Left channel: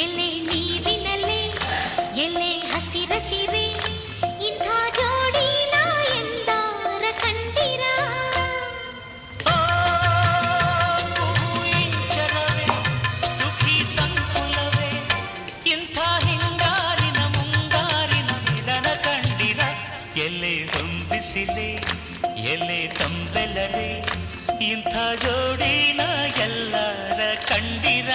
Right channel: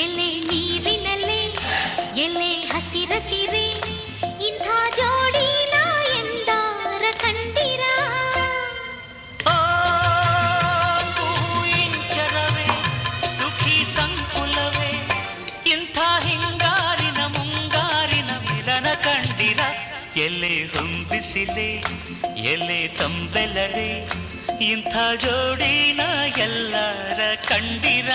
ಎಲೆ ನೀರಿನಲ್ಲೇ, ಎಲೆ ಹಸಿರಸಿರೆ, ಇಂಥ ಜೋಡಿ ನಾ ಎಂದಾರ ಕಂಡಿರ? ಇಂಚರವೇ ಸುಖಿ ಸಂಕುಲವೇ, ಇಂಥ ಹೆಂಗಾರಿನ ಮುಂಗಾರಿನ ಮಿಲನ ಕಂಡಿರ? ಎಲೆ ಹೊಂದಿಸಿದೆ, ಎಲೆ ತಂಬೆಲರೆ, ಇಂಥ ಜೋಡಿನ ಎಲ್ಲರ ಕಂಡಿರ?